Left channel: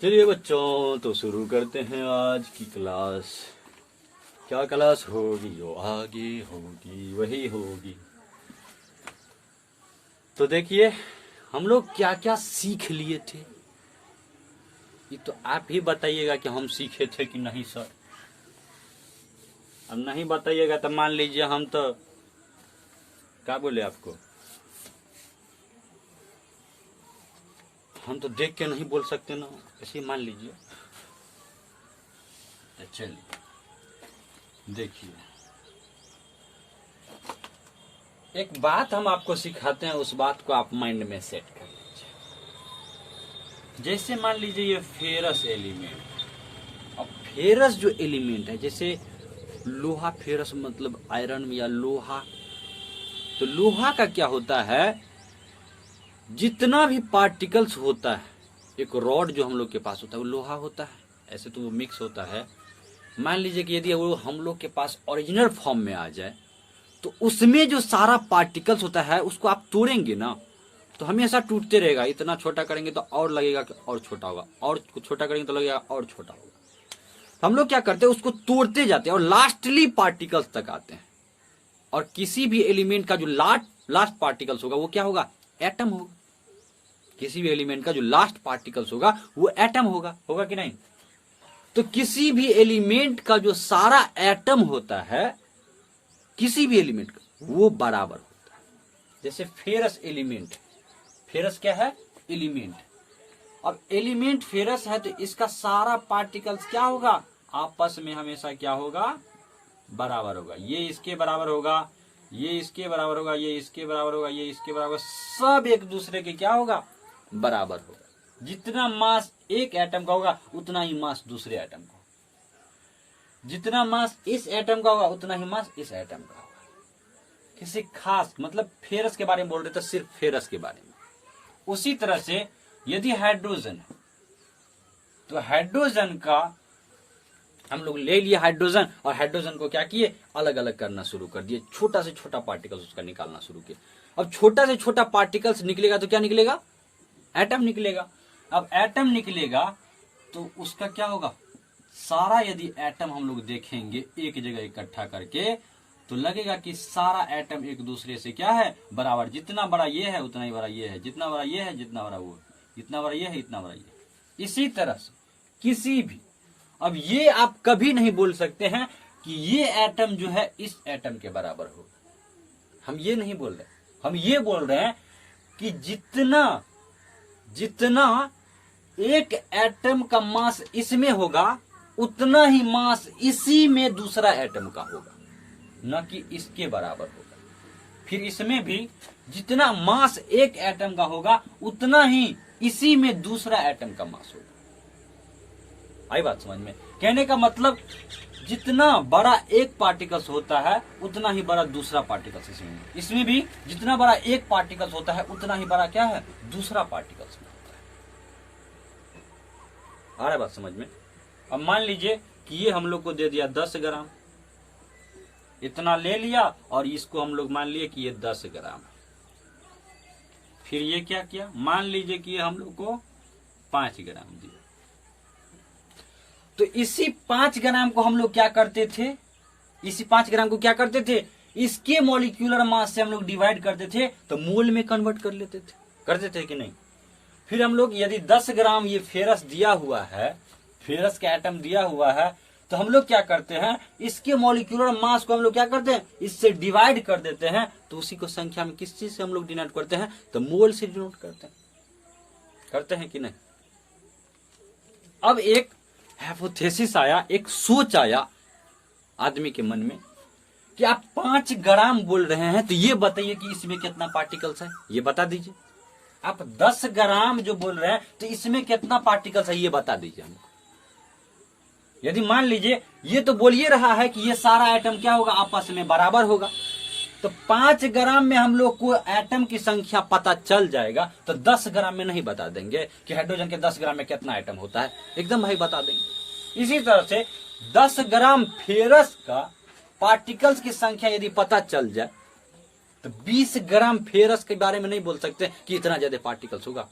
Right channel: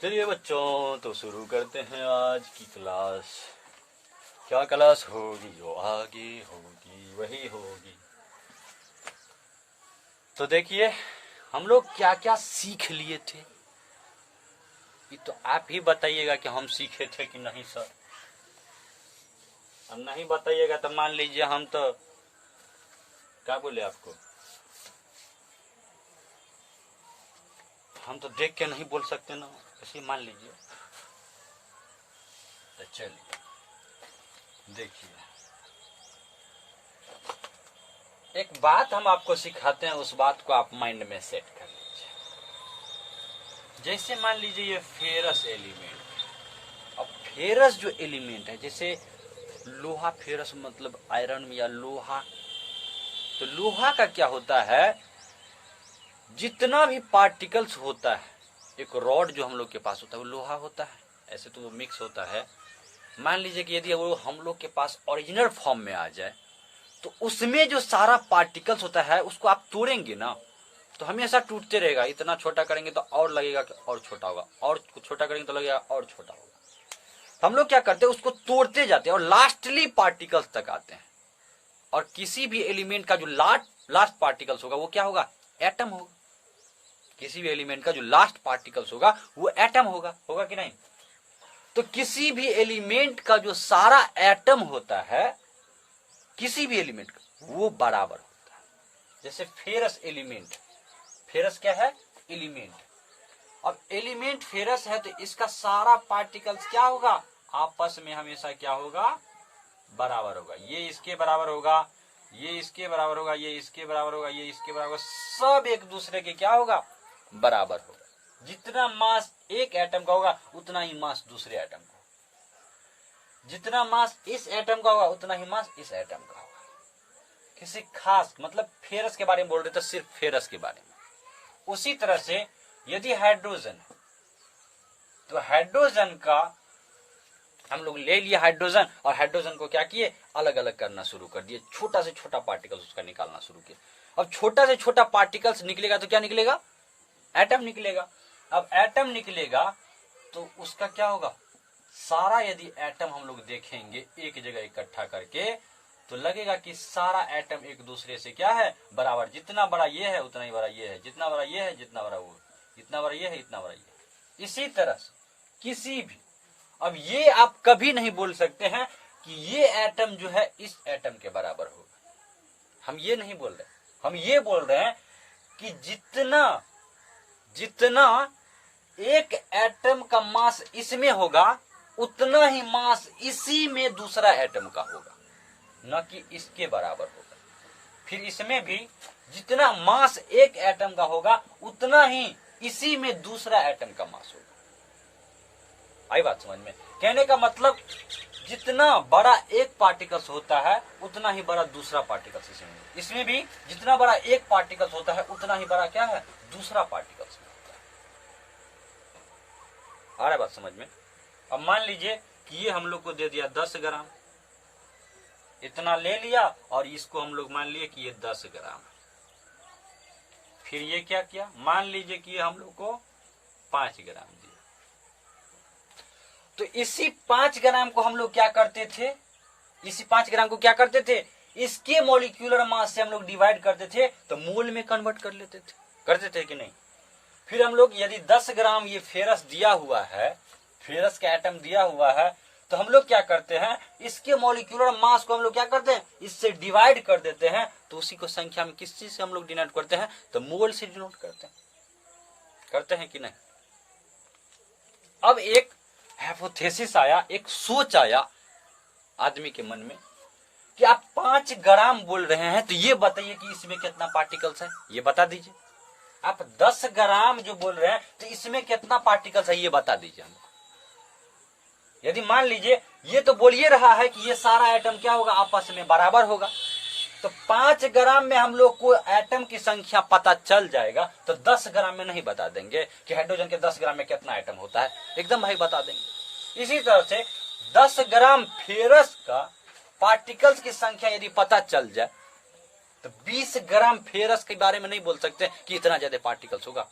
चलिए बच्चों, तो शुरू करते हैं आज की क्लास। क्या क्लास होगी? जो आगे होगी वही होगी। तो देखिए, हम लोग क्या क्या सीख लिए थे, ये तो आप ही बताइएगा कि हम सीखे थे कि नहीं सर। अब नहीं बताइएगा तो मान लीजिए हम तो क्या बोले आपको, हम तो देख के नहीं बोल सकते ना, ऐसे मान लीजिए। तो चलिए देखिए, एक बात हम आपको सिखाते हैं, उस बात को आप माइंड में सेट कर लीजिए। जैसे मान लीजिए ये फेरस एलिमेंट। अब फेरस जो एलिमेंट है, जैसे लोहा फेरस मतलब आयरन या लोहा। तो लोहा का क्या होता है, जितना भी पार्टिकल्स होता है, एक रॉड जो हम लोग के पास होता है वो लोहा होता है। ऐसे तो वो मिक्स होता है। मान लीजिए कि यदि वो हम लोग के पास ओरिजिनल फॉर्म में आ जाए, तो उसमें जो सारा पार्टिकल्स होता है उसको आप तोड़ेंगे ना, तो हमेशा टूटते रहेगा। इतना छोटा करेंगे तो और लगेगा कि और छोटा होगा, और छोटा करेंगे तो लगेगा और छोटा होगा। तो हम लोग क्या करते हैं, उसको तोड़ते जाते हैं और लास्टली पार्टिकल्स तक आते हैं। और किसी भी एलिमेंट का जो लास्ट पार्टिकल्स होगा वो क्या होगा, एटम होगा। किसी भी एलिमेंट का जो लास्ट पार्टिकल्स होगा वो एटम होगा कि नहीं। तो किसी भी एलिमेंट का जो सारा एटम होता है, किसी भी एलिमेंट का, वो बराबर होता है। जैसे फेरस एलिमेंट, फेरस क्या है, एलिमेंट। अब एलिमेंट फेरस है तो इसका सारा पार्टिकल्स क्या होगा, आपस में हमेशा क्या होगा, बराबर होगा। ये इसके बराबर होगा, ये इसके बराबर होगा, ये इसके बराबर होगा, ये इसके बराबर, सब एक दूसरे के क्या होगा, बराबर होगा। जितना मास एक एटम का होगा उतना ही मास दूसरे एटम का होगा। जितना मास इस एटम का होगा उतना ही मास इस एटम का होगा। किसी खास मतलब फेरस के बारे में बोल रहे थे, सिर्फ फेरस के बारे में। उसी तरह से यदि हाइड्रोजन है तो हाइड्रोजन का हम लोग ले लिए हाइड्रोजन, और हाइड्रोजन को क्या किए, अलग अलग करना शुरू कर दिए। छोटा से छोटा पार्टिकल्स उसका निकालना शुरू किए। अब छोटा से छोटा पार्टिकल्स निकलेगा तो क्या निकलेगा, एटम निकलेगा। अब एटम निकलेगा तो उसका क्या होगा, सारा यदि एटम हम लोग देखेंगे एक जगह इकट्ठा करके, तो लगेगा कि सारा एटम एक दूसरे से क्या है, बराबर। जितना बड़ा ये है उतना ही बड़ा ये है, जितना बड़ा ये है जितना बड़ा वो, जितना बड़ा ये है इतना बड़ा ये। इसी तरह से किसी भी, अब ये आप कभी नहीं बोल सकते हैं कि ये एटम जो है इस एटम के बराबर होगा। हम ये नहीं बोल रहे, हम ये बोल रहे हैं कि जितना जितना एक एटम का मास इसमें होगा उतना ही मास इसी में दूसरा एटम का होगा, न कि इसके बराबर होगा। फिर इसमें भी जितना मास एक एटम का होगा उतना ही इसी में दूसरा एटम का मास होगा। आई बात समझ में? कहने का मतलब जितना बड़ा एक पार्टिकल्स होता है उतना ही बड़ा दूसरा पार्टिकल्स इसमें भी जितना बड़ा एक पार्टिकल्स होता है उतना ही बड़ा क्या है, दूसरा पार्टिकल्स में होता है। आ रहा है बात समझ में? अब मान लीजिए कि ये हम लोग को दे दिया 10 ग्राम, इतना ले लिया, और इसको हम लोग मान लिए कि ये 10 ग्राम। फिर ये क्या किया, मान लीजिए कि हम लोग को 5 ग्राम दिया। तो इसी 5 ग्राम को हम लोग क्या करते थे, इसी 5 ग्राम को क्या करते थे, इसके मॉलिक्यूलर मास से हम लोग डिवाइड करते थे तो मोल में कन्वर्ट कर लेते थे, करते थे कि नहीं। फिर हम लोग यदि 10 ग्राम ये फेरस दिया हुआ है, फेरस का एटम दिया हुआ है, तो हम लोग क्या करते हैं, इसके मॉलिक्यूलर मास को हम लोग क्या करते हैं, इससे डिवाइड कर देते हैं। तो उसी को संख्या में किस चीज से हम लोग डिनोट करते हैं, तो मोल से डिनोट करते हैं कि नहीं। अब एक हाइपोथेसिस आया, एक सोच आया आदमी के मन में कि आप 5 ग्राम बोल रहे हैं, तो ये बताइए कि इसमें कितना पार्टिकल्स है, ये बता दीजिए। आप 10 ग्राम जो बोल रहे हैं तो इसमें कितना पार्टिकल्स है, ये बता दीजिए हमको। यदि मान लीजिए ये तो बोल ये रहा है कि ये सारा एटम क्या होगा, आपस में बराबर होगा, तो 5 ग्राम में हम लोग को एटम की संख्या पता चल जाएगा, तो 10 ग्राम में नहीं बता देंगे कि हाइड्रोजन के 10 ग्राम में कितना एटम होता है, एकदम भाई बता देंगे। इसी तरह से 10 ग्राम फेरस का पार्टिकल्स की संख्या यदि पता चल जाए, तो 20 ग्राम फेरस के बारे में नहीं बोल सकते कि इतना ज्यादा पार्टिकल्स होगा,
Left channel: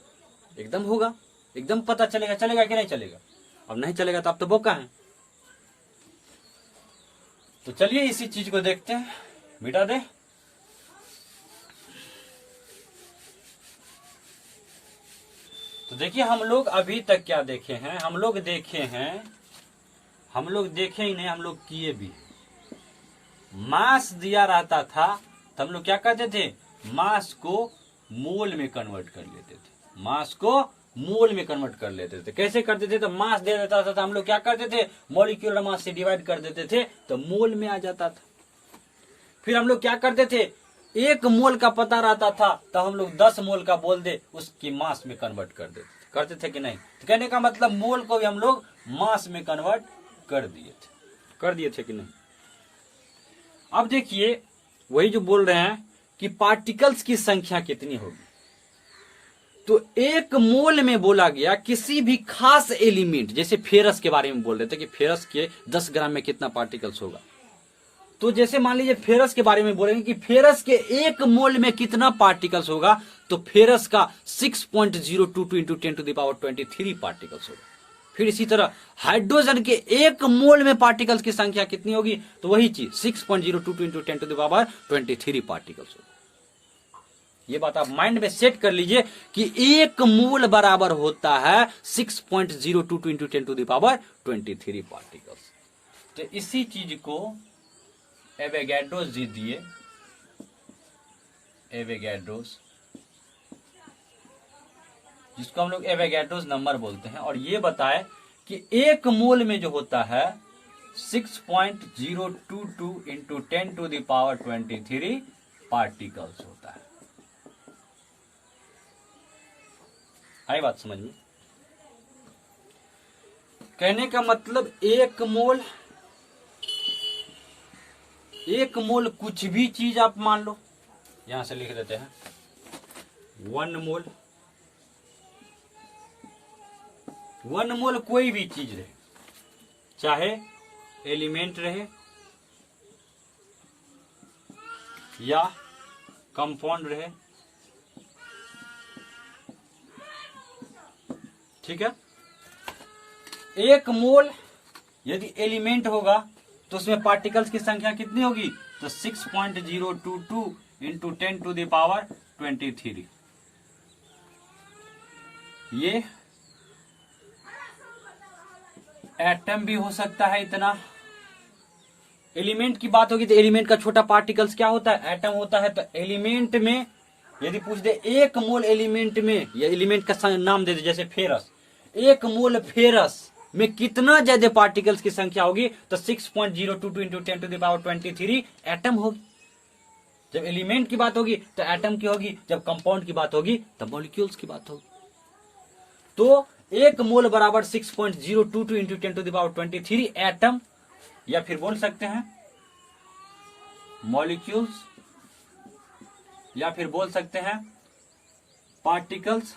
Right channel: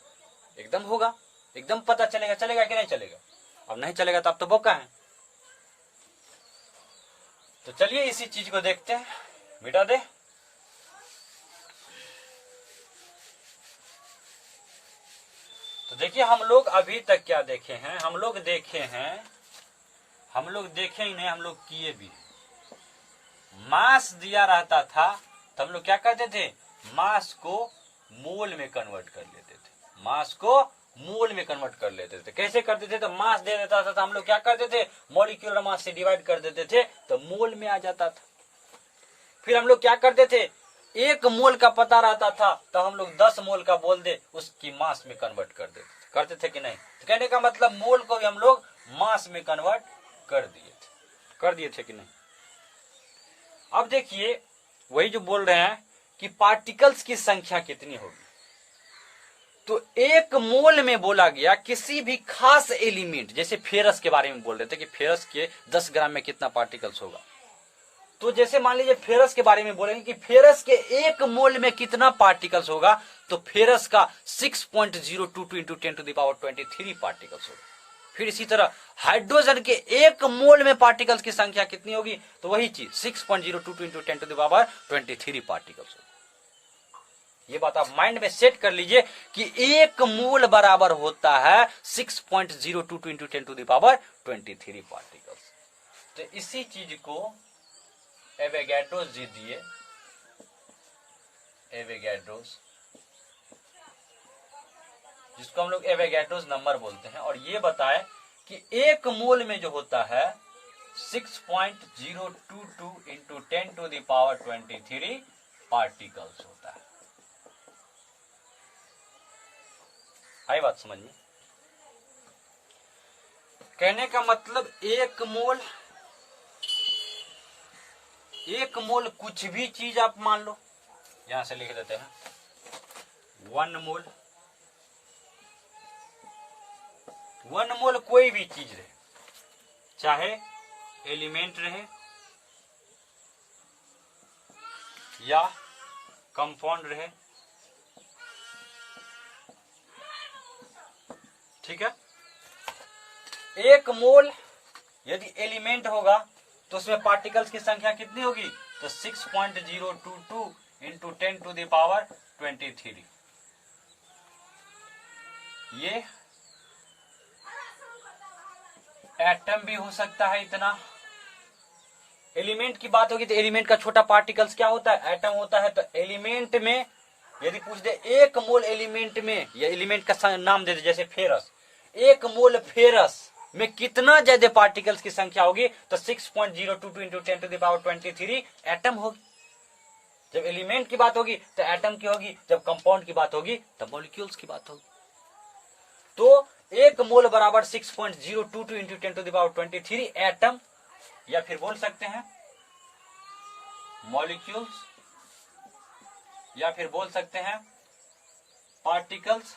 एकदम होगा। एकदम पता चलेगा, चलेगा कि नहीं चलेगा? अब नहीं चलेगा तो आप तो बोका है। तो चलिए इसी चीज को देखते हैं, मिटा दे। तो देखिए हम लोग अभी तक क्या देखे हैं, हम लोग देखे ही नहीं, हम लोग किए भी। मास दिया रहता था तो हम लोग क्या करते थे, मास को मोल में कन्वर्ट कर लेते थे, मास को मोल में कन्वर्ट कर लेते थे। कैसे करते थे, तो मास दे देता था तो हम लोग क्या करते थे, मॉलिक्यूलर मास से डिवाइड कर देते थे तो मोल में आ जाता था। फिर हम लोग क्या करते थे, 1 मोल का पता रहता था तो हम लोग 10 मोल का बोल दे उसकी मास में कन्वर्ट कर देते, करते थे कि नहीं? तो कहने का मतलब मोल को भी हम लोग मास में कन्वर्ट कर दिए थे कि नहीं? अब देखिए वही जो बोल रहे हैं कि पार्टिकल्स की संख्या कितनी होगी। तो 1 मोल में बोला गया किसी भी खास एलिमेंट, जैसे फेरस के बारे में बोल रहे थे कि फेरस के 10 ग्राम में कितना पार्टिकल्स होगा। तो जैसे मान लीजिए फेरस के बारे में बोलेंगे कि फेरस के 1 मोल में कितना पार्टिकल्स होगा, तो फेरस का 6.022 इंटू 10⁻23 पार्टिकल्स होगा। फिर इसी तरह हाइड्रोजन के 1 मोल में पार्टिकल्स की संख्या कितनी होगी, तो वही चीज 6.022 इंटू 10⁻23 पार्टिकल्स होगा। ये बात आप माइंड में सेट कर लीजिए कि 1 मोल बराबर होता है 6.022 इंटू 10⁻23 पार्टिकल्स। तो इसी चीज को एवोगैड्रोस जी दिए, एवोगैड्रोस, जिसको हम लोग एवोगैड्रोस नंबर बोलते हैं, और ये बताए कि 1 मोल में जो होता है 6.022 इंटू 10⁻23 पार्टिकल्स होता है। आई बात समझ में? कहने का मतलब 1 मोल कुछ भी चीज आप मान लो, यहां से लिख देते हैं 1 मोल, 1 मोल कोई भी चीज रहे, चाहे एलिमेंट रहे या कंपाउंड रहे, ठीक है। 1 मोल यदि एलिमेंट होगा तो उसमें पार्टिकल्स की संख्या कितनी होगी, तो 6.022 इंटू 10⁻23। ये एटम भी हो सकता है इतना। एलिमेंट की बात होगी तो एलिमेंट का छोटा पार्टिकल्स क्या होता है, एटम होता है। तो एलिमेंट में यदि पूछ दे 1 मोल एलिमेंट में, या एलिमेंट का नाम दे दे जैसे फेरस, 1 मोल फेरस में कितना ज्यादा पार्टिकल्स की संख्या होगी, तो 6.022 इंटू 10⁻23 एटम होगी। जब एलिमेंट की बात होगी तो एटम की होगी, जब कंपाउंड की बात होगी तो मॉलिक्यूल्स की बात होगी। तो 1 मोल बराबर 6.022 इंटू 10⁻23 एटम, या फिर बोल सकते हैं मॉलिक्यूल्स, या फिर बोल सकते हैं पार्टिकल्स,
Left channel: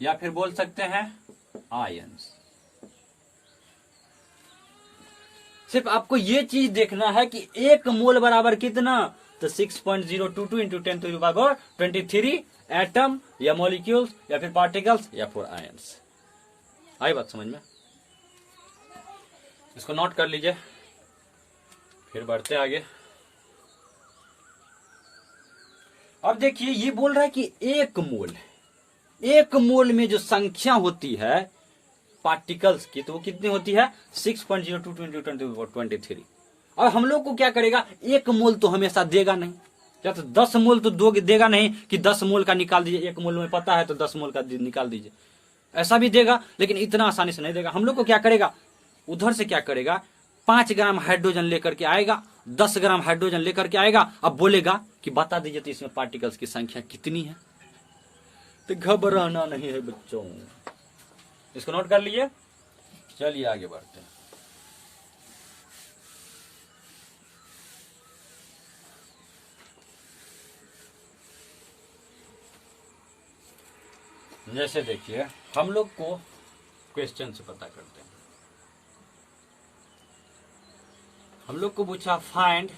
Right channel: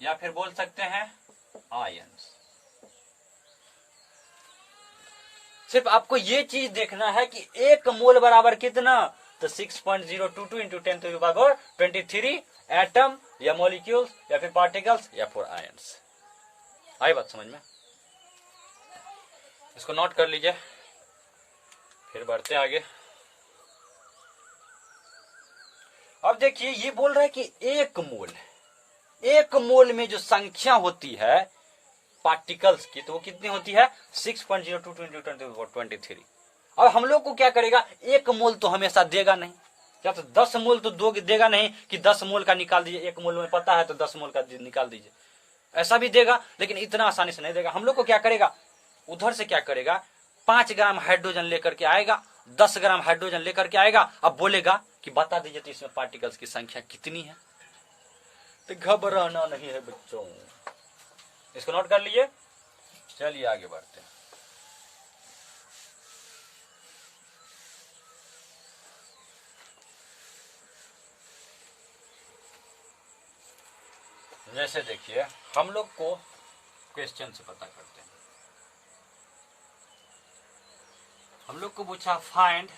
या फिर बोल सकते हैं आयंस। सिर्फ आपको ये चीज देखना है कि 1 मोल बराबर कितना, तो 6.022 इंटू 10⁻23 एटम या मॉलिक्यूल्स या फिर पार्टिकल्स या फिर आयंस। आई बात समझ में? इसको नोट कर लीजिए, फिर बढ़ते आगे। अब देखिए ये बोल रहा है कि 1 मोल में जो संख्या होती है पार्टिकल्स की, तो वो कितनी होती है 6.022 इंटू 10⁻23। और हम लोग को क्या करेगा, 1 मोल तो हमेशा देगा नहीं, या तो 10 मोल तो देगा नहीं कि 10 मोल का निकाल दीजिए, 1 मोल में पता है तो 10 मोल का निकाल दीजिए, ऐसा भी देगा, लेकिन इतना आसानी से नहीं देगा। हम लोग को क्या करेगा, उधर से क्या करेगा, 5 ग्राम हाइड्रोजन लेकर के आएगा, 10 ग्राम हाइड्रोजन लेकर के आएगा, अब बोलेगा कि बता दीजिए तो इसमें पार्टिकल्स की संख्या कितनी है। तो घबराना नहीं है बच्चों, इसको नोट कर लीजिए। चलिए आगे बढ़ते हैं। जैसे देखिए हम लोग को क्वेश्चन से पता करते हैं, हम लोग को पूछा find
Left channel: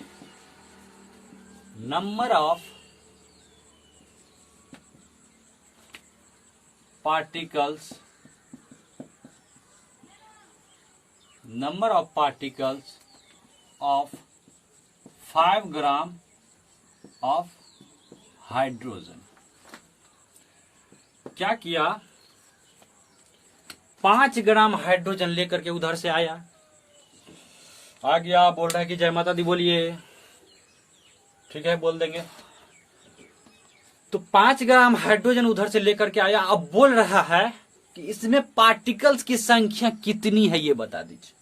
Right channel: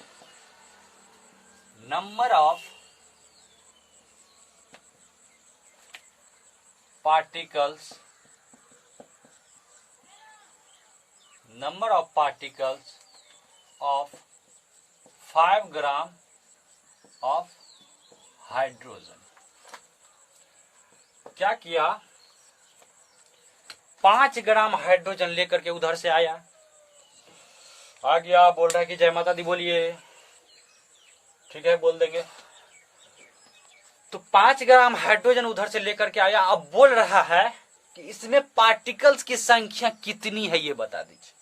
number of particles of 5 gram of hydrogen. क्या किया, 5 ग्राम हाइड्रोजन लेकर के उधर से आया, आ गया, बोल रहा है कि जय माता दी बोलिए, ठीक है बोल देंगे। तो 5 ग्राम हाइड्रोजन उधर से लेकर के आया, अब बोल रहा है कि इसमें पार्टिकल्स की संख्या कितनी है ये बता दीजिए।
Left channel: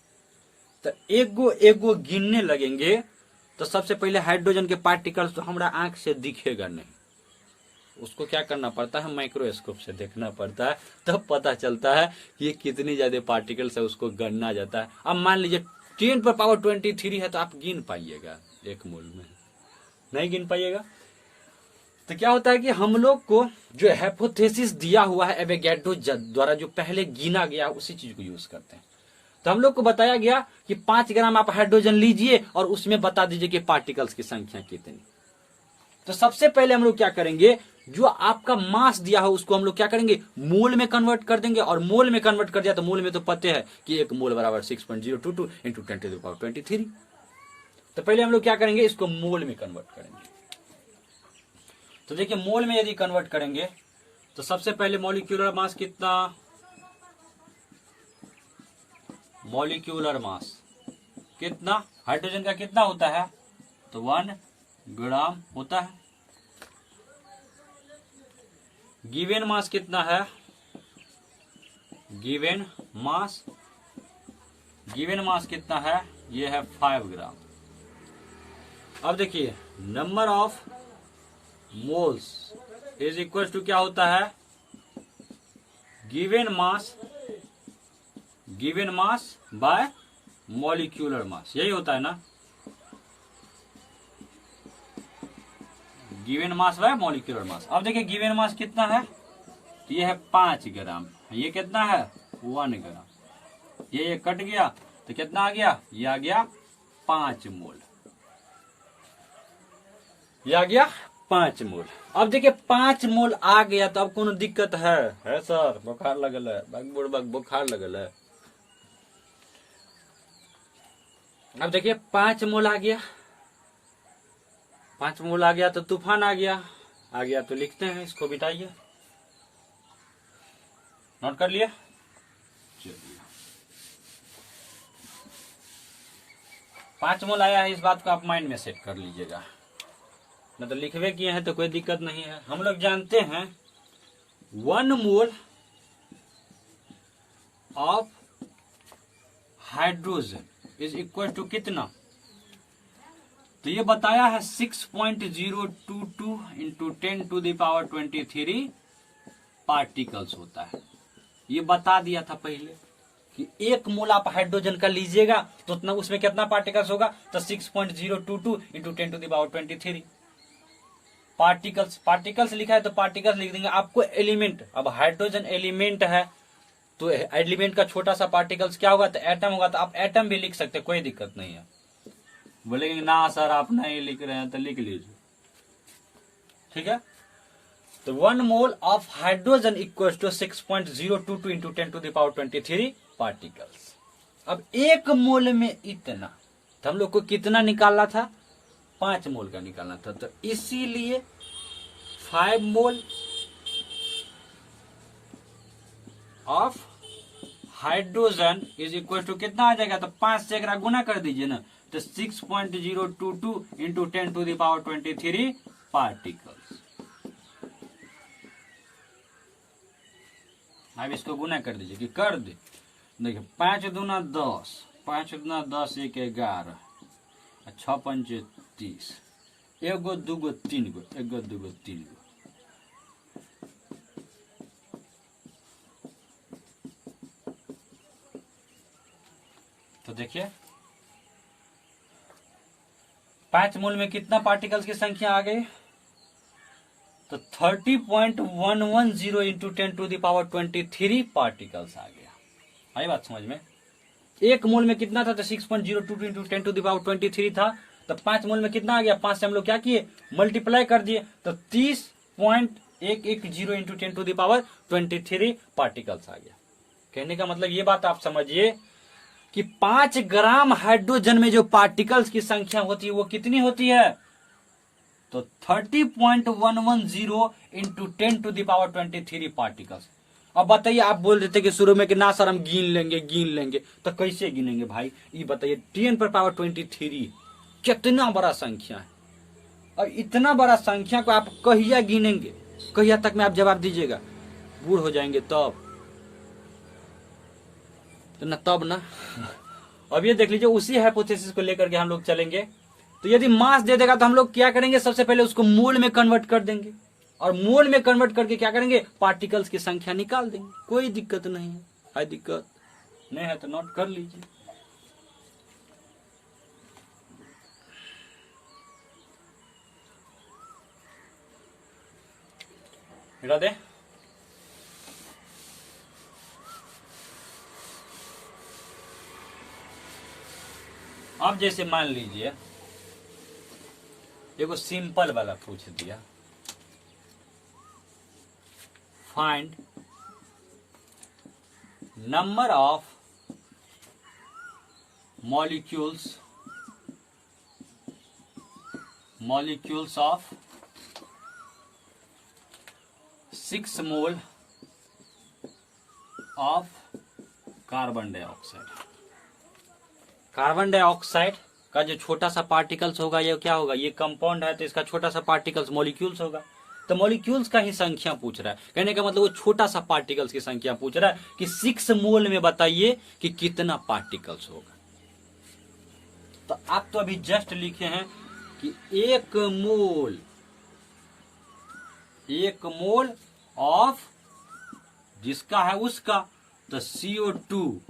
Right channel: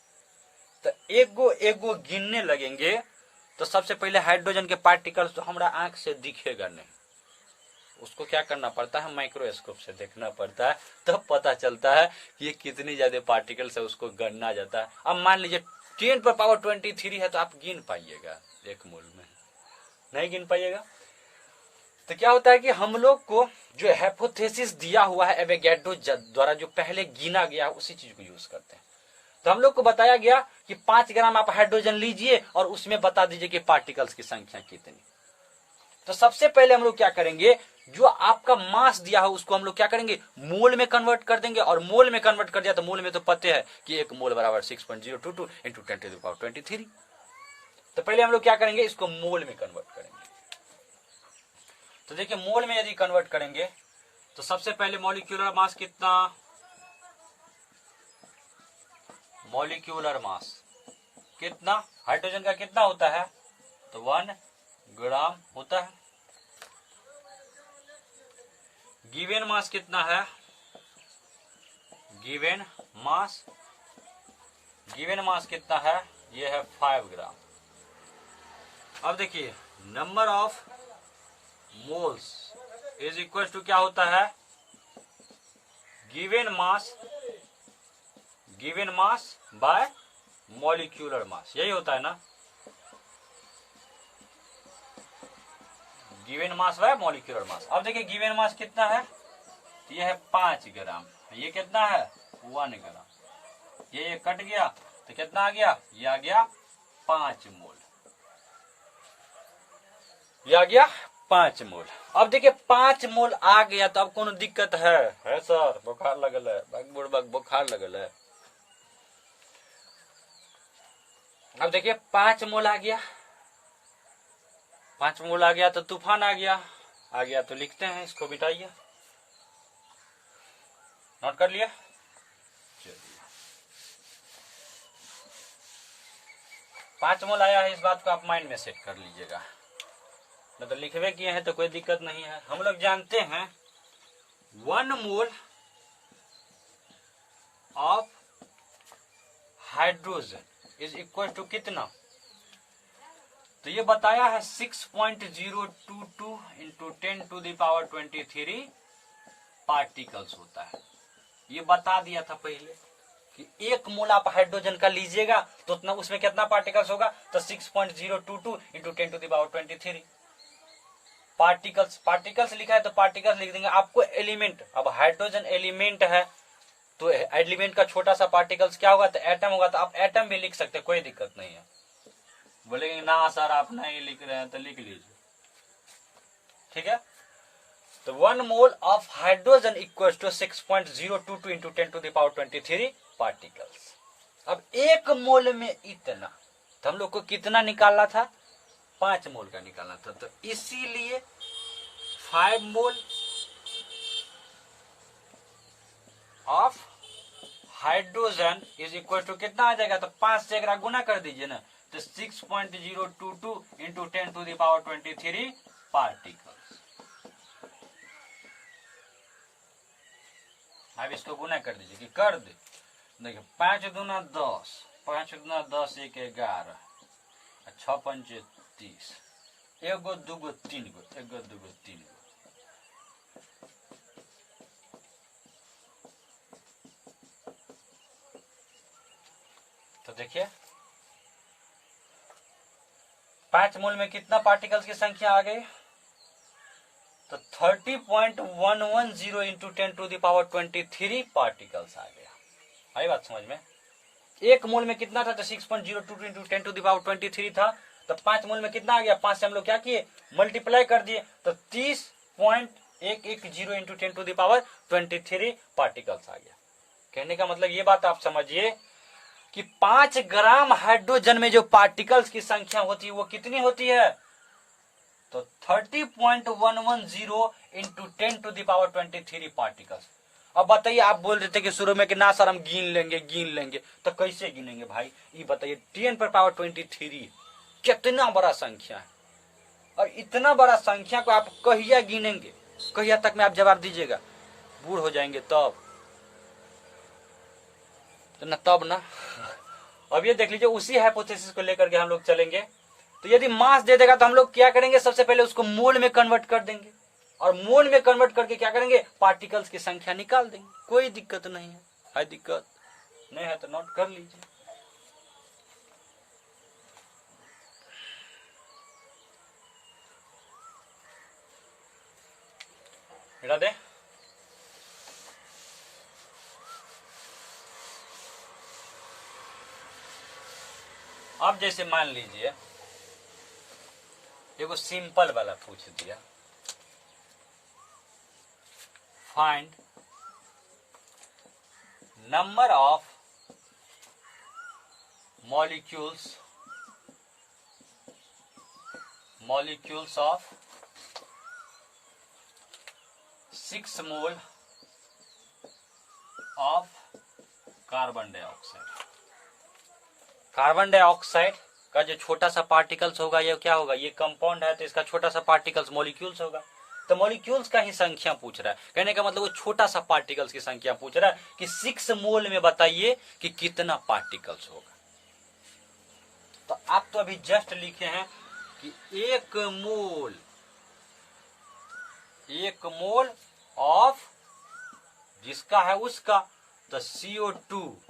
तो एक गो गिनने लगेंगे तो सबसे पहले हाइड्रोजन के पार्टिकल्स तो हमारा आंख से दिखेगा नहीं, उसको क्या करना पड़ता है, माइक्रोस्कोप से देखना पड़ता है, तब तो पता चलता है कि ये कितनी ज्यादा पार्टिकल्स है, उसको गणना जाता है। अब मान लीजिए 10⁻23 है तो आप गिन पाइएगा, एक मोल में नहीं गिन पाइएगा। तो क्या होता है कि हम लोग को जो हाइपोथेसिस दिया हुआ है एवोगैड्रो द्वारा, जो पहले गिना गया उसी चीज को यूज करते हैं। तो हम लोग को बताया गया कि 5 ग्राम आप हाइड्रोजन लीजिए और उसमें बता दीजिए कि पार्टिकल्स की संख्या कितनी। तो सबसे पहले हम लोग क्या करेंगे, जो आपका मास दिया हो उसको हम लोग क्या करेंगे, मोल में कन्वर्ट कर देंगे। और मोल में कन्वर्ट कर दिया तो मोल में तो पते है कि 1 मोल बराबर 6.022 इंटू 10⁻23। तो पहले हम लोग क्या करेंगे, इसको मोल में कन्वर्ट करेंगे। तो देखिए मोल में यदि कन्वर्ट करेंगे तो सबसे पहले मॉलिक्यूलर मास कितना, मॉलिक्यूलर मास कितना हाइड्रोजन का कितना होता है, तो 1 ग्राम होता है। गिवन मास कितना है, गिवन मास कितना है, ये है 5 ग्राम। अब देखिए number of moles is equal to क्या होता है, given mass by molecular mass, यही होता है ना, given mass by molecular mass. अब देखिए गिवन मास कितना है, तो ये है 5 ग्राम, ये कितना है 1 ग्राम, ये कट गया तो कितना आ गया, ये आ गया 5 मोल, ये आ गया 5 मोल। अब देखिए 5 मोल आ गया तो अब कोनो दिक्कत है सर, बुखार लगल है, बुखार लगल है। अब देखिए 5 मोल आ गया, 5 मोल आ गया तो तूफान आ गया तो लिखते हैं, इसको बिताइए, नोट कर लिया। 5 मोल आया है, इस बात को आप माइंड में सेट कर लीजिएगा, मतलब लिखवे किए हैं तो कोई दिक्कत नहीं है। हम लोग जानते हैं 1 mole of hydrogen is equal to कितना, तो ये बताया है 6.022 इंटू 10⁻23 पार्टिकल्स होता है। ये बता दिया था पहले कि 1 मोल आप हाइड्रोजन का लीजिएगा तो उतना उसमें कितना पार्टिकल्स होगा, तो 6.022 इंटू 10⁻23 पार्टिकल्स लिखा है तो पार्टिकल्स लिख देंगे। आपको एलिमेंट, अब हाइड्रोजन एलिमेंट है तो एलिमेंट का छोटा सा पार्टिकल्स क्या होगा, तो एटम होगा, तो आप एटम भी लिख सकते, कोई दिक्कत नहीं है। बोलेंगे ना सर आप नहीं लिख रहे हैं, तो लिख लीजिए, ठीक है। तो 1 mole of hydrogen equal to 6.022 into 10⁻23 particles. अब 1 मोल में इतना, तो हम लोग को कितना निकालना था, 5 मोल का निकालना था, तो इसीलिए 5 mole of hydrogen is equal to कितना आ जाएगा, तो 5 से अगर गुना कर दीजिए ना, तो 6.022 इंटू 10⁻23 पार्टिकल्स। अब इसको गुना कर दीजिए कि कर दे, देखिए 5 दूना 10, 5 दूना 10, 1 11, 6 पंच 30, 1 गो 2 गो 3 गो, 1 गो 2 गो 3 गो, तो देखिए 5 मोल में कितना पार्टिकल्स की संख्या आ गई, तो 30.110 इंटू 10⁻23 पार्टिकल्स आ गया। आई बात समझ में। 1 मोल में कितना था, तो 6.022 इंटू 10⁻23 था, तो 5 मोल में कितना आ गया, 5 से हम लोग क्या किए, मल्टीप्लाई कर दिए, तो एक जीरो इंटू 10⁻23 पार्टिकल्स आ गया। कहने का मतलब ये बात आप समझिए कि 5 ग्राम हाइड्रोजन में जो पार्टिकल्स की संख्या होती है वो कितनी होती है, तो 30.110 इंटू 10⁻23 पार्टिकल्स। अब बताइए, आप बोल देते कि शुरू में कि ना सर हम गिन लेंगे, तो कैसे गिनेंगे भाई, ये बताइए। 10⁻23 कितना बड़ा संख्या है, और इतना बड़ा संख्या को आप कहिया गिनेंगे, कहिया तक में आप जवाब दीजिएगा, बूढ़ हो जाएंगे तब तो ना, तब ना। अब ये देख लीजिए, उसी हाइपोथेसिस को लेकर के हम लोग चलेंगे। तो यदि मास दे देगा तो हम लोग क्या करेंगे, सबसे पहले उसको मोल में कन्वर्ट कर देंगे, और मोल में कन्वर्ट करके क्या करेंगे, पार्टिकल्स की संख्या निकाल देंगे। कोई दिक्कत नहीं है दिक्कत नहीं है तो नोट कर लीजिए। मिटा दे। अब जैसे मान लीजिए देखो सिंपल वाला पूछ दिया, find number of molecules of 6 mole of carbon dioxide. Carbon dioxide का जो छोटा सा पार्टिकल्स होगा ये क्या होगा, ये कंपाउंड है तो इसका छोटा सा पार्टिकल्स मॉलिक्यूल्स होगा। तो मॉलिक्यूल्स का ही संख्या पूछ रहा है, कहने का मतलब वो छोटा सा पार्टिकल्स की संख्या पूछ रहा है कि 6 मोल में बताइए कि कितना पार्टिकल्स होगा। तो आप तो अभी जस्ट लिखे हैं कि एक मोल ऑफ जिसका है उसका, तो CO2,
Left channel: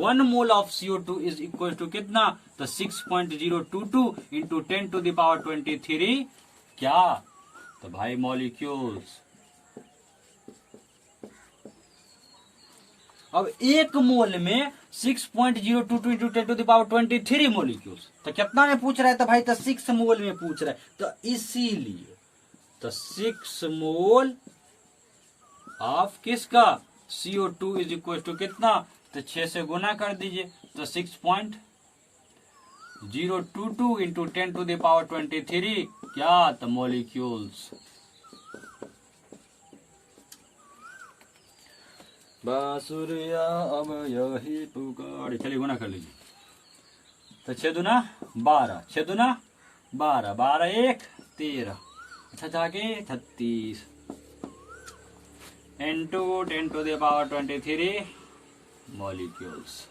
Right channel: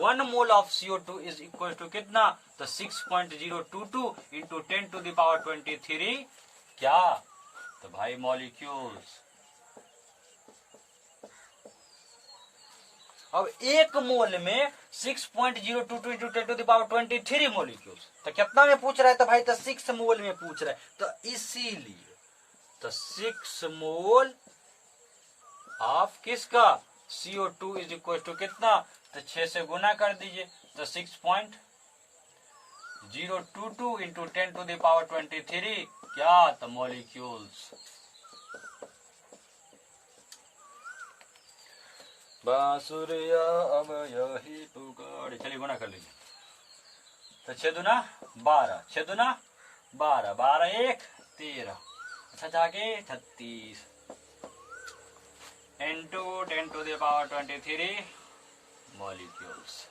1 mole of CO2 is equal to कितना, तो 6.022 इंटू 10⁻23 क्या, तो भाई मॉलिक्यूल्स। अब एक मोल में 6.022 इंटू 10⁻23 मॉलिक्यूल्स, तो कितना में पूछ रहा है, तो भाई तो 6 मोल में पूछ रहा है, तो इसीलिए तो 6 मोल ऑफ किसका, CO2 इज इक्वल टू कितना, तो 6 से गुना कर दीजिए, तो 6.022 इंटू 10⁻23 क्या, तो मॉलिक्यूल्स। बांसुरिया अब यही पुकार, चलिए गुना कर लीजिए, तो 6 दूना 12, 6 दूना 12, 12 1 13, अच्छा जाके 36 इंटू 10⁻23 मॉलिक्यूल्स।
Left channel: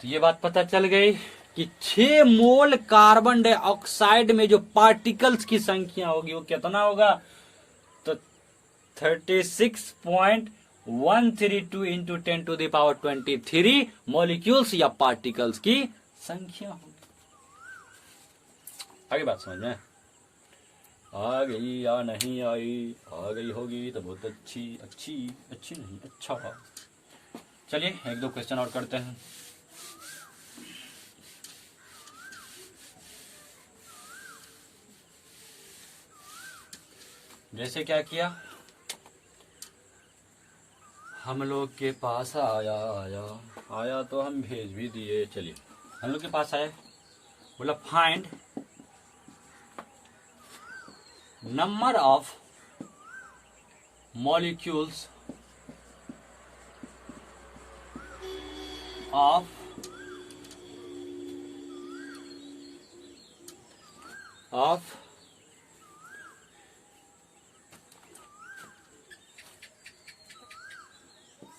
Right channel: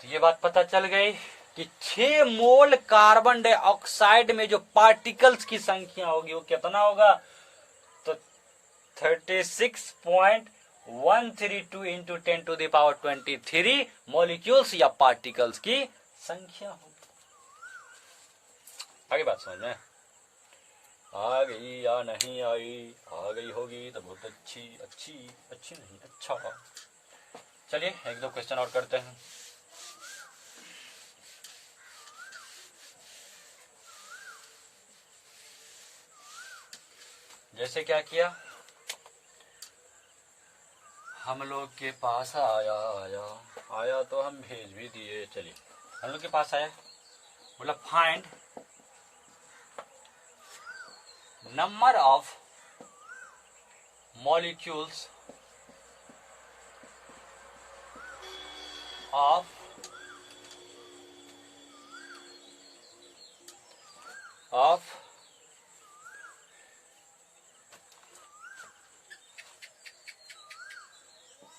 तो ये बात पता चल गई कि 6 मोल कार्बन डाइऑक्साइड में जो पार्टिकल्स की संख्या होगी वो कितना होगा, तो 36.132 इंटू 10⁻23 मॉलिक्यूल्स या पार्टिकल्स की संख्या होगी। आगे बात समझ में आ गई या नहीं आई, आ गई होगी तो बहुत अच्छी नहीं अच्छा। चलिए 1-2 क्वेश्चन और करते हैं। जैसे क्या किया, हम लोग के पास आया तो हम भेज भी दिए। चलिए हम लोग के पास आया, बोला find number of molecules of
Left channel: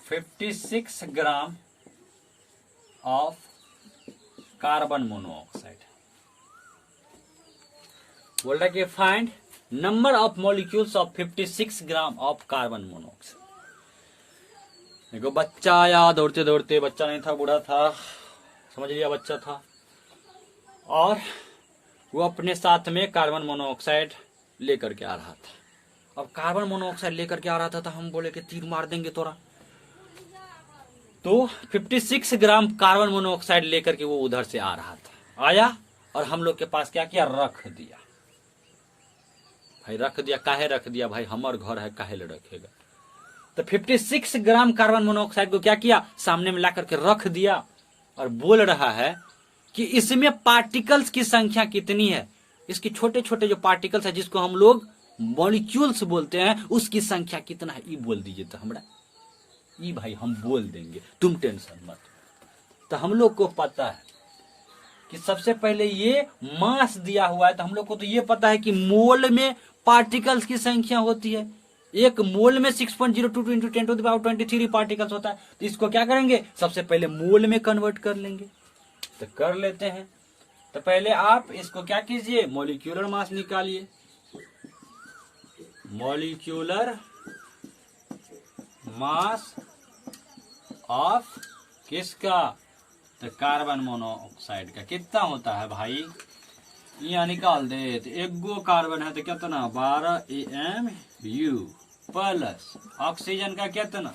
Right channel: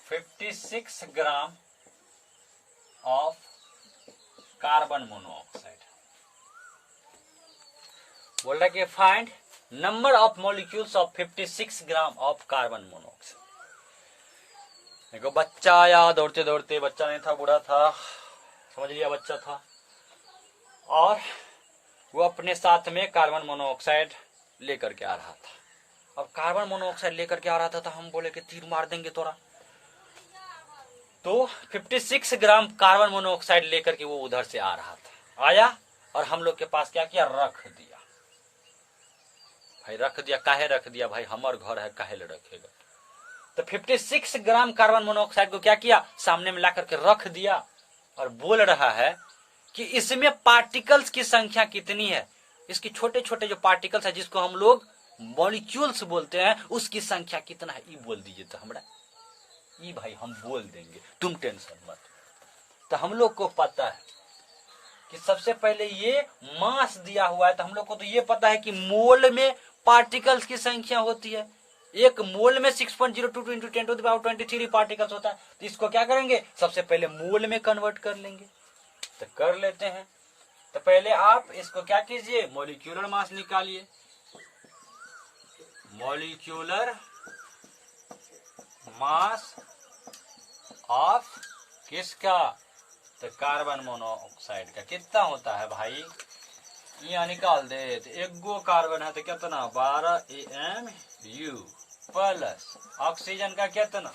56 gram of carbon monoxide. बोल रहा कि find number of molecules of 56 gram of carbon monoxide. देखो बच्चा आया दौड़ते दौड़ते, बच्चा नहीं था बूढ़ा था, समझ लिया बच्चा था, और वो अपने साथ में कार्बन मोनोऑक्साइड लेकर के आ रहा था। अब कार्बन मोनोऑक्साइड लेकर के आ रहा था तो हम बोले कि तीर मार देंगे तोरा। तो 56 ग्राम कार्बन मोनोऑक्साइड लेकर के वो उधर से आ रहा था, आया और हम लोग के पास क्या किया, रख दिया। भाई रख दिया, काहे रख दिया भाई, हमार घर है, काहे ले रखेगा। तो 56 ग्राम कार्बन मोनोऑक्साइड को क्या किया, सामने में ला करके रख दिया और बोल रहा है कि इसमें पार्टिकल्स की संख्या कितनी है, इसके छोटे छोटे जो पार्टिकल्स है जिसको हम लोग मॉलिक्यूल्स बोलते हैं, उसकी संख्या कितना है, ये बोल दीजिए तो हमरा, ये भाई हम बोल देंगे, तुम टेंशन मत। तो हम लोग को पता है कि सबसे पहले ये मास दिया हुआ है, तो हम लोग को तो ये पता है कि मोल में पार्टिकल्स की संख्या होती है, एक मोल में 6.022 इंटू 10⁻23 पार्टिकल्स होता है। तो इसको क्या करेंगे, सबसे पहले मोल में कन्वर्ट कर लेंगे। तो कर लेते हैं। तो पहले आप इसको क्या कीजिए, मॉलिक्यूलर मास निकालिए। मॉलिक्यूलर मास ऑफ किसका, तो कार्बन मोनोऑक्साइड का कितना होता है भाई, यहाँ निकाल दे। तो एक गो कार्बन है तो कितना 12 AMU प्लस ऑक्सीजन का कितना,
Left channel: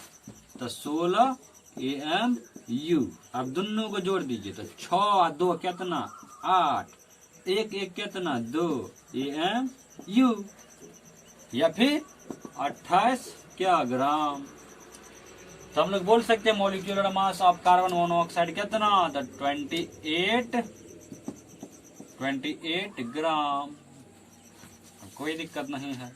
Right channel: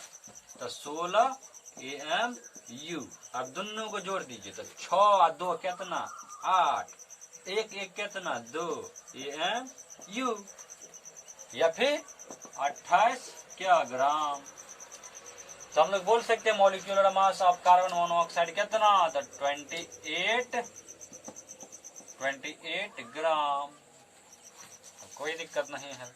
तो 16 AMU। अब दोनों को जोड़ दीजिए तो 6 और 2 कितना 8, एक एक कितना 2 AMU, या फिर 28 क्या ग्राम। तो हम लोग बोल सकते हैं molecular mass of carbon monoxide कितना, तो 28 ग्राम। कोई दिक्कत नहीं है।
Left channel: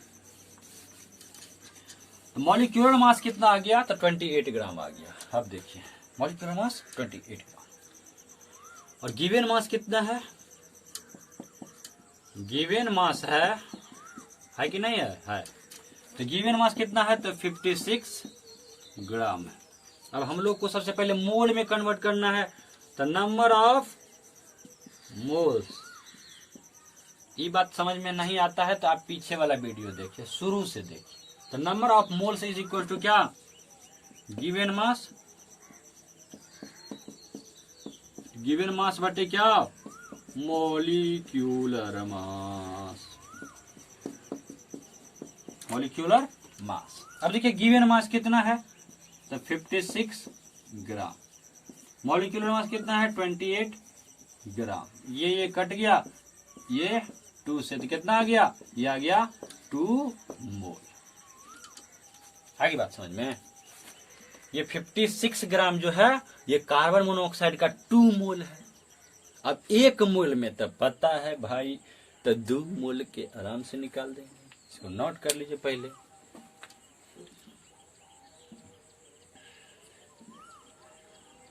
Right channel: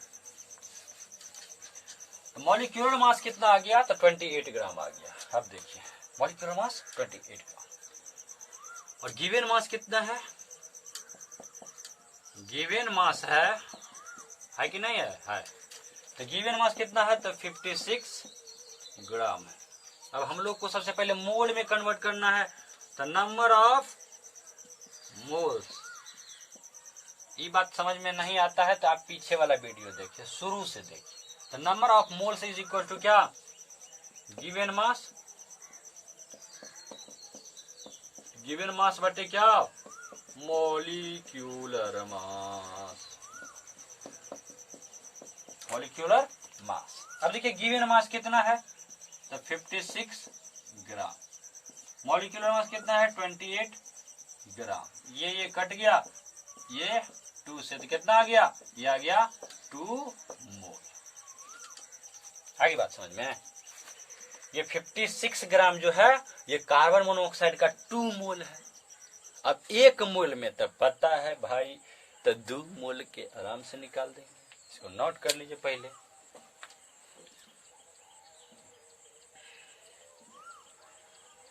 तो मॉलिक्यूलर मास कितना आ गया, तो 28 ग्राम आ गया। अब देखिए मॉलिक्यूलर मास 28 ग्राम, और गिवन मास कितना है, गिवन मास है कि नहीं है। तो गिवन मास कितना है, तो 56 ग्राम है। अब हम लोग को सबसे पहले मोल में कन्वर्ट करना है। तो नंबर ऑफ मोल्स, ये बात समझ में नहीं आता है तो आप पीछे वाला वीडियो देखिए, शुरू से देखिए। तो number of moles is equal to क्या, गिवन मास बटे क्या, मॉलिक्यूलर मास। Molecular mass. अब देखिए गिवन मास कितना है, तो 56 ग्राम। मॉलिक्यूलर मास कितना है, 28 ग्राम। ये कट गया, ये 2 से, तो कितना आ गया, ये आ गया 2 मोल। आगे बात समझ में। ये 56 ग्राम जो है ये कार्बन मोनोऑक्साइड का 2 मोल है। अब 1 मोल में तो पता है भाई, तो 2 मोल के आराम से निकाल देंगे। इसको नोट कर लीजिए पहले।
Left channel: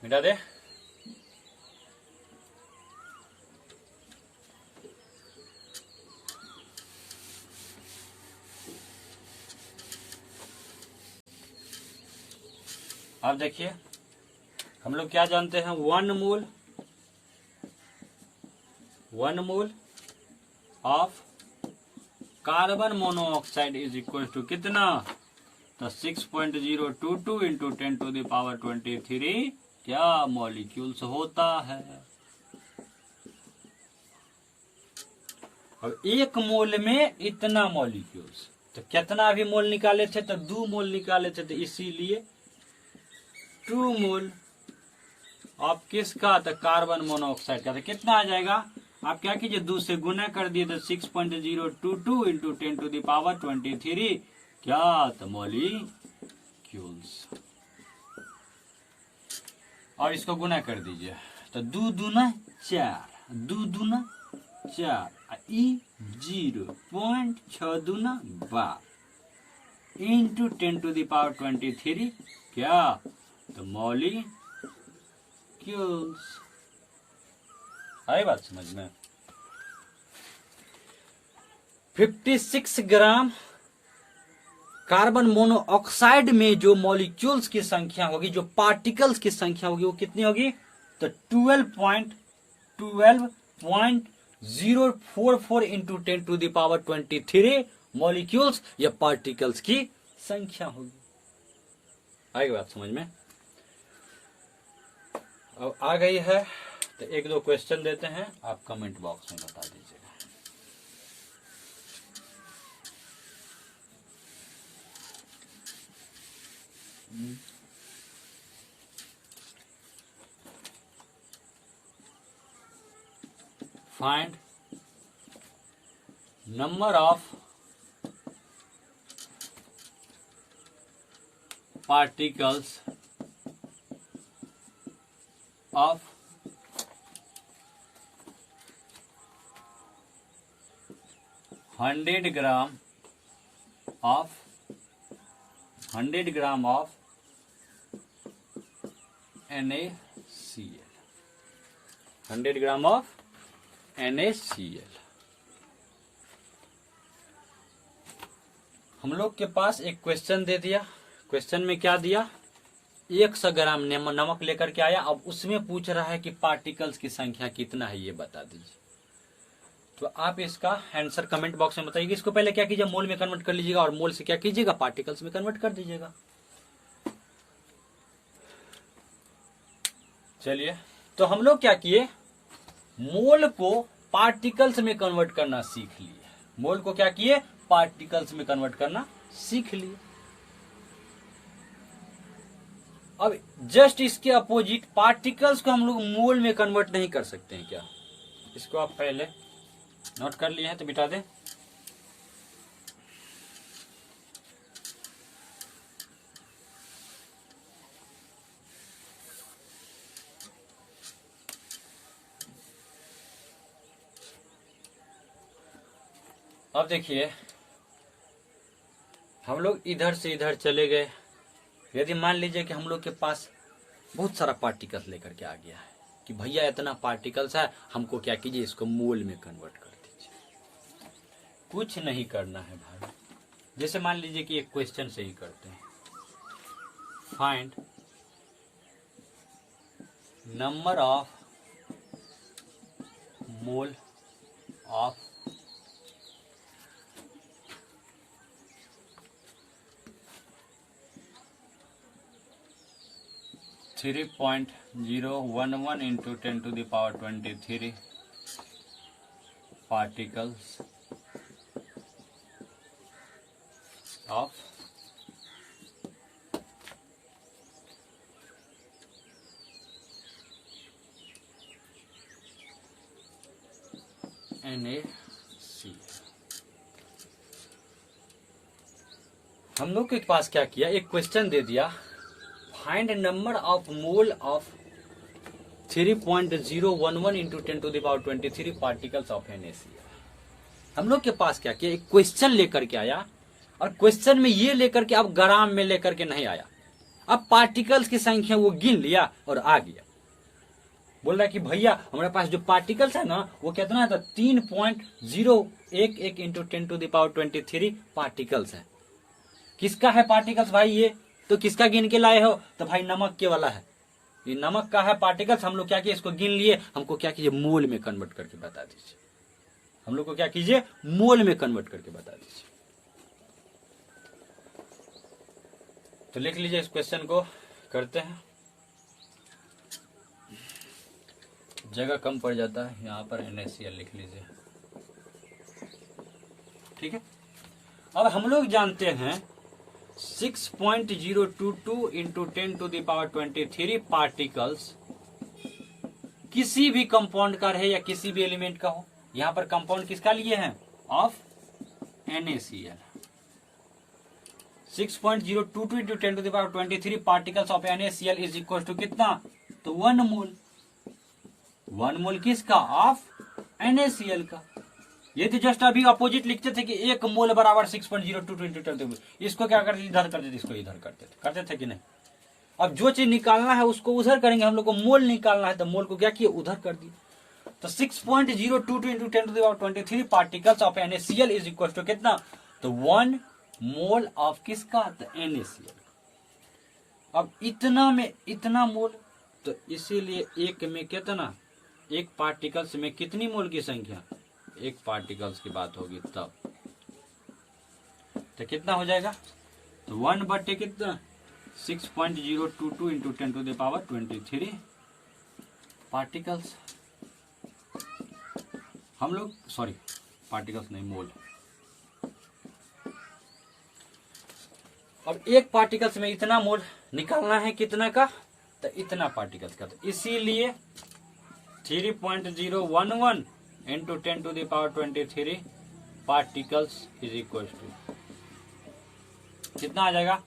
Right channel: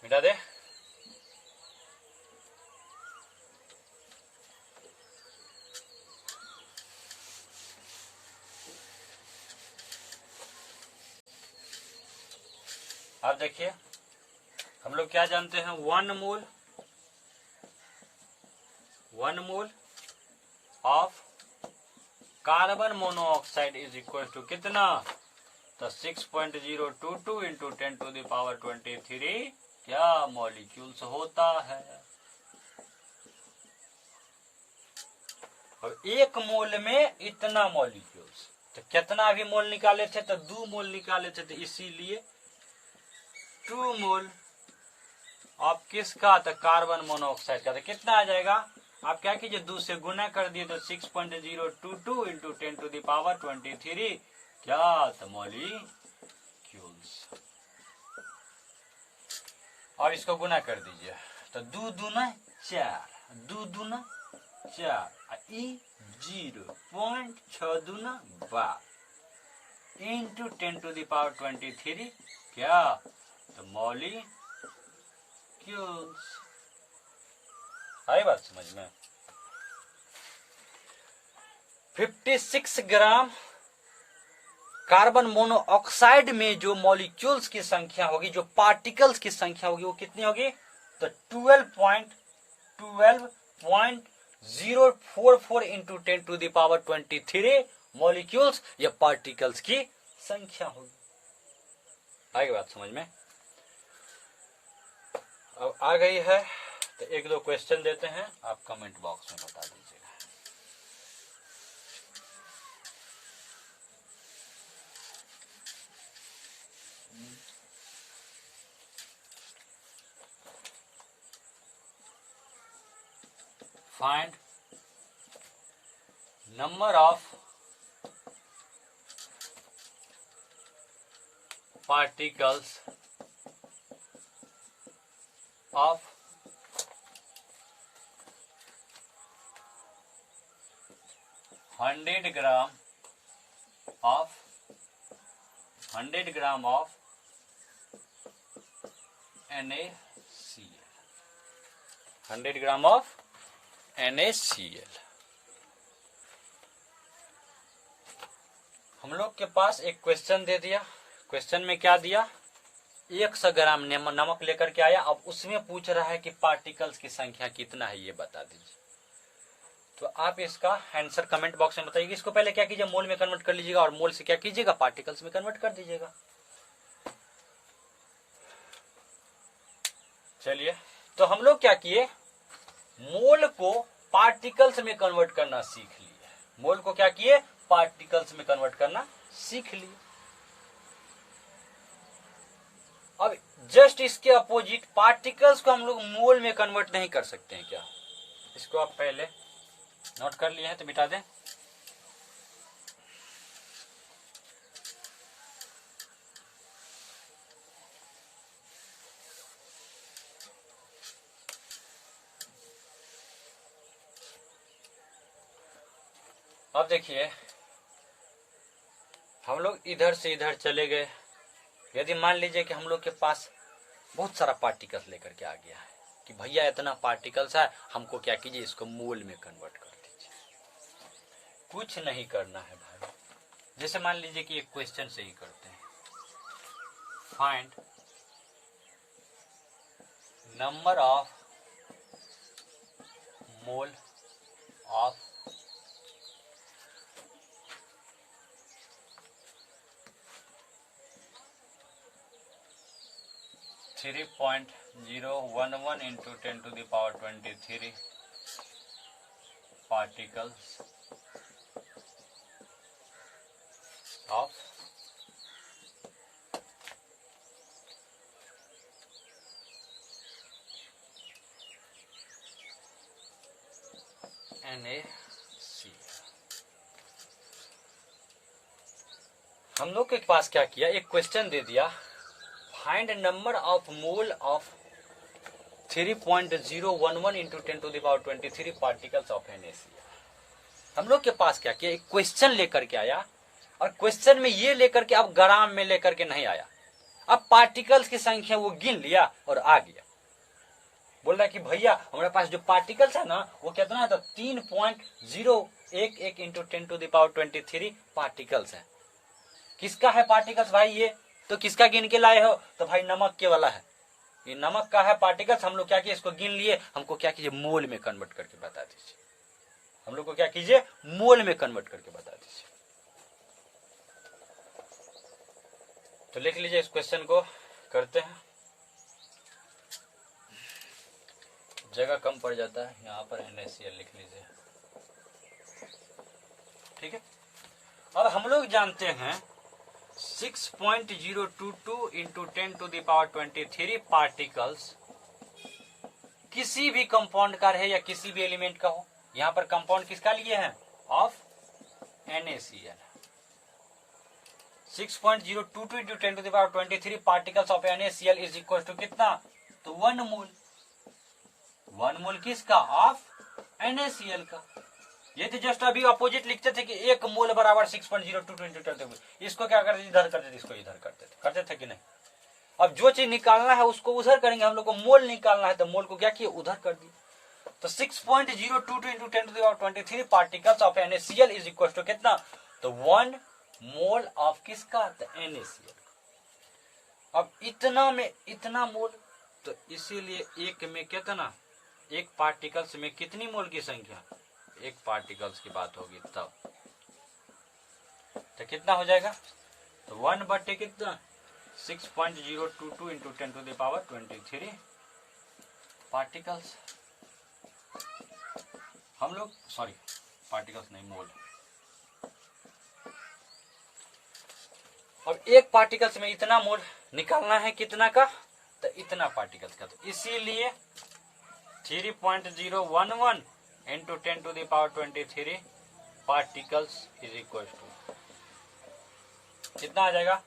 मिटा दे। अब देखिए हम लोग क्या जानते हैं, 1 mole of carbon monoxide is equal to कितना, तो 6.022 इंटू 10⁻23 क्या मॉलिक्यूल्स होता है। अब 1 मोल में इतना मॉलिक्यूल्स, तो कितना भी मोल निकाले थे, तो 2 मोल निकाले थे, तो इसीलिए 2 मोल ऑफ किसका, तो कार्बन मोनोऑक्साइड का। तो कितना आ जाएगा, आप क्या कीजिए 2 से गुना कर दिए, तो 6.022 इंटू 10⁻23 क्या, तो मॉलिक्यूल्स। और इसको गुना कर दीजिए, तो 2 दूना 4, 2 दूना 4, 0.6 दूना 12 इंटू 10⁻23 क्या, तो मॉलिक्यूल्स। आई बात समझ में। 56 ग्राम कार्बन मोनोऑक्साइड में जो मॉलिक्यूल्स की संख्या होगी, जो पार्टिकल्स की संख्या होगी, वो कितनी होगी, तो 12.044 इंटू 10⁻23 मॉलिक्यूल्स या पार्टिकल्स की संख्या होगी। आगे बात समझ में। अब आ गई है, तो 1-2 क्वेश्चन देते हैं, आप कमेंट बॉक्स में बता दीजिएगा। Find number of particles of 100 gram of 100 gram of NaCl, 100 gram of NaCl। हम लोग के पास एक क्वेश्चन दे दिया। क्वेश्चन में क्या दिया, 100 ग्राम नमक लेकर के आया। अब उसमें पूछ रहा है कि पार्टिकल्स की संख्या कितना है, ये बता दीजिए। तो आप इसका आंसर कमेंट बॉक्स में बताइएगा। इसको पहले क्या कीजिए, मोल में कन्वर्ट कर लीजिएगा और मोल से क्या कीजिएगा, पार्टिकल्स में कन्वर्ट कर दीजिएगा। चलिए, तो हम लोग क्या किए, मोल को पार्टिकल्स में कन्वर्ट करना सीख लिए। मोल को क्या किए, पार्टिकल्स में कन्वर्ट करना सीख लिए। अब जस्ट इसके अपोजिट पार्टिकल्स को हम लोग मोल में कन्वर्ट नहीं कर सकते हैं क्या? इसको आप पहले नोट कर लिए हैं तो बिठा दें। अब देखिए, हम लोग इधर से इधर चले गए। यदि मान लीजिए कि हम लोग के पास बहुत सारा पार्टिकल्स लेकर के आ गया है कि भैया इतना पार्टिकल्स है, हमको क्या कीजिए, इसको मोल में कन्वर्ट कर दीजिए। कुछ नहीं करना है भाई। जैसे मान लीजिए कि एक क्वेश्चन से ही करते हैं, find number of mole of three 3.011 into 10 to the power 23 particles of NaCl। हम लोग के पास क्या किया, एक क्वेश्चन दे दिया, find number of mole of 3.011 into 10 to the power 23 particles of NaCl। हम लोग के पास क्या किया, एक क्वेश्चन लेकर के आया और क्वेश्चन में ये लेकर के अब ग्राम में लेकर के नहीं आया। अब पार्टिकल्स की संख्या वो गिन लिया और आ गया। बोल रहा है कि भैया हमारे पास जो पार्टिकल्स है ना वो कितना है, तो 3.011 into 10 to the power 23 particles है। किसका है पार्टिकल्स भाई ये? तो किसका गिन के लाए हो? तो भाई नमक के वाला है। ये नमक का है पार्टिकल्स। हम लोग क्या किए, इसको गिन लिए। हमको क्या कीजिए, मोल में कन्वर्ट करके बता दीजिए। हम लोग को क्या कीजिए, मोल में कन्वर्ट करके बता दीजिए। तो लिख लीजिए, इस क्वेश्चन को करते हैं। जगह कम पड़ जाता है, यहां पर NaCl लिख लीजिए, ठीक है। अब हम लोग जानते हैं 6.022 into 10 to the power 23 particles किसी भी कंपाउंड का रहे या किसी भी एलिमेंट का हो। यहां पर कंपाउंड किसका लिए हैं, of NaCl। 6.022 into 10 to the power 23 particles of NaCl is equal to कितना, तो 1 मोल। 1 मोल किसका, ऑफ NaCl का। ये तो जस्ट अभी अपोजिट लिखते थे कि 1 मोल बराबर 6.022 into 10। इसको क्या करते, इधर करते थे, इसको इधर करते थे कि नहीं। अब जो चीज निकालना है उसको उधर करेंगे। हम लोग को मोल निकालना है तो मोल को क्या किए, उधर कर दिए। तो 6.022 into 10 to the power 23 particles of NaCl is equal to कितना, तो 1 मोल ऑफ किसका, तो NaCl। अब इतना में इतना मोल, तो इसीलिए एक में कितना, एक पार्टिकल्स में कितनी मोल की संख्या, एक पार्टिकल्स की बात होगी तब, तो कितना हो जाएगा, तो 1 बटे कितना, 6.022 into 10 to the power 23 particles. हम लोग सॉरी पार्टिकल्स नहीं, मोल। अब एक पार्टिकल्स में इतना मोल निकालना है, कितना का, तो इतना पार्टिकल्स का। तो इसीलिए 3.011 into 10 to the power 23 particles is equal to कितना आ जाएगा,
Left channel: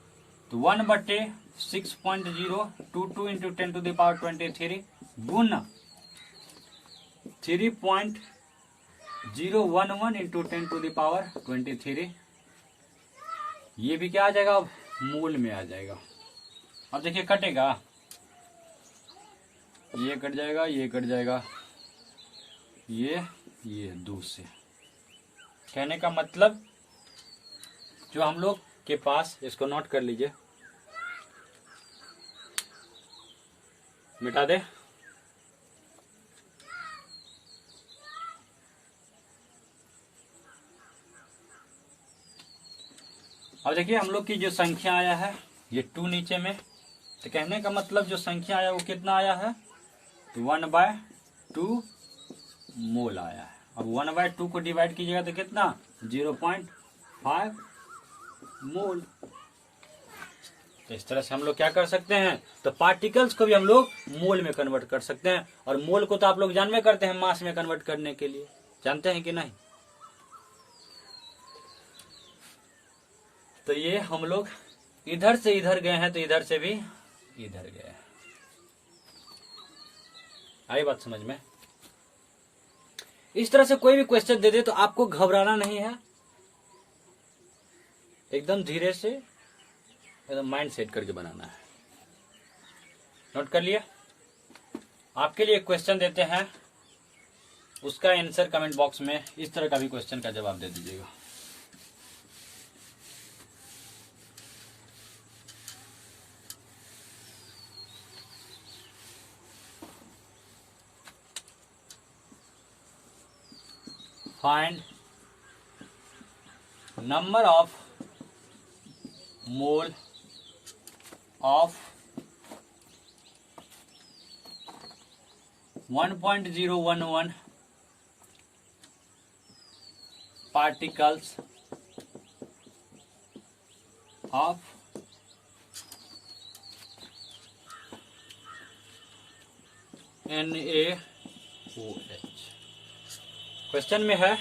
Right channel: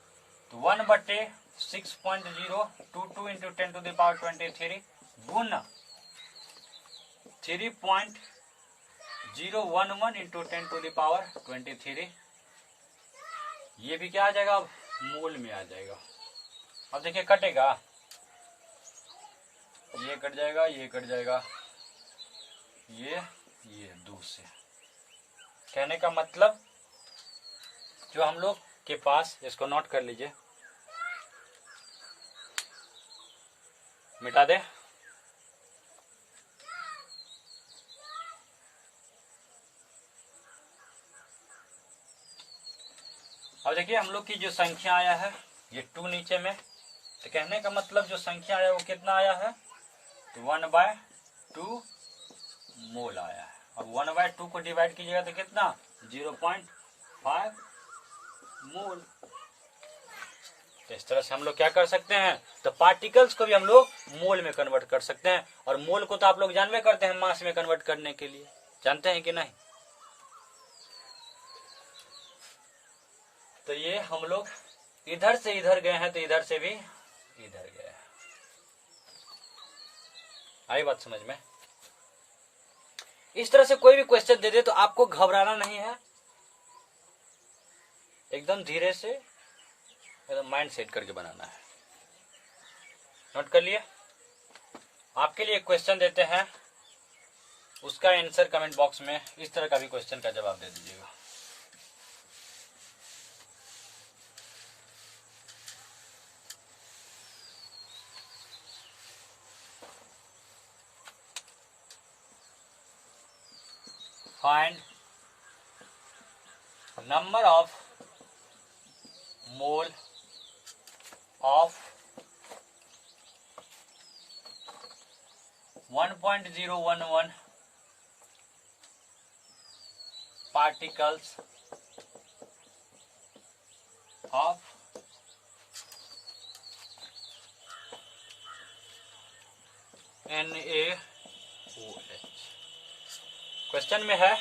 तो तो 1/6.022 इंटू 10⁻23 गुण 3.011 इंटू 10⁻23, ये भी क्या आ जाएगा, अब मूल में आ जाएगा। अब देखिए कटेगा, ये कट जाएगा, ये कट जाएगा, ये 2 से। कहने का मतलब जो हम लोग के पास, इसको नोट कर लीजिए, मिटा दे। अब देखिए हम लोग की जो संख्या आया है ये 2 नीचे में, तो कहने का मतलब जो संख्या आया वो कितना आया है, तो 1/2 मोल आया है। अब 1/2 को डिवाइड कीजिएगा तो कितना, 0.5 मोल। तो इस तरह से हम लोग क्या कर सकते हैं, तो पार्टिकल्स को भी हम लोग मोल में कन्वर्ट कर सकते हैं। और मोल को तो आप लोग जानवे करते हैं मास में कन्वर्ट करने के लिए, जानते हैं कि नहीं। तो ये हम लोग इधर से इधर गए हैं, तो इधर से भी इधर गए हैं। आई बात समझ में। इस तरह से कोई भी क्वेश्चन दे दे तो आपको घबराना नहीं है, एकदम धीरे से एकदम माइंड सेट करके बनाना है। नोट कर लिए। आपके लिए क्वेश्चन देते हैं, उसका आंसर कमेंट बॉक्स में इस तरह का भी क्वेश्चन का जवाब दे दीजिएगा। Find number of mole of 1.011 particles of NaOH। Question में है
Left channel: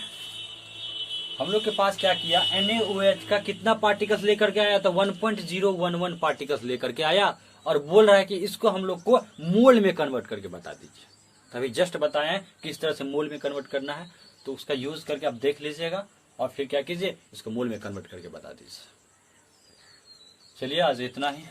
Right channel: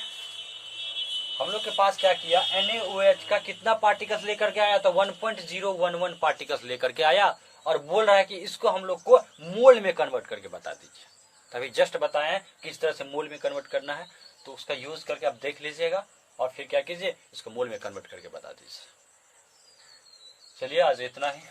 हम लोग के पास क्या किया, NaOH का कितना पार्टिकल्स लेकर के आया, तो 1.011 पार्टिकल्स लेकर के आया, और बोल रहा है कि इसको हम लोग को मोल में कन्वर्ट करके बता दीजिए। अभी जस्ट बताएं किस तरह से मोल में कन्वर्ट करना है, तो उसका यूज करके आप देख लीजिएगा और फिर क्या कीजिए, इसको मोल में कन्वर्ट करके बता दीजिए। चलिए आज इतना ही।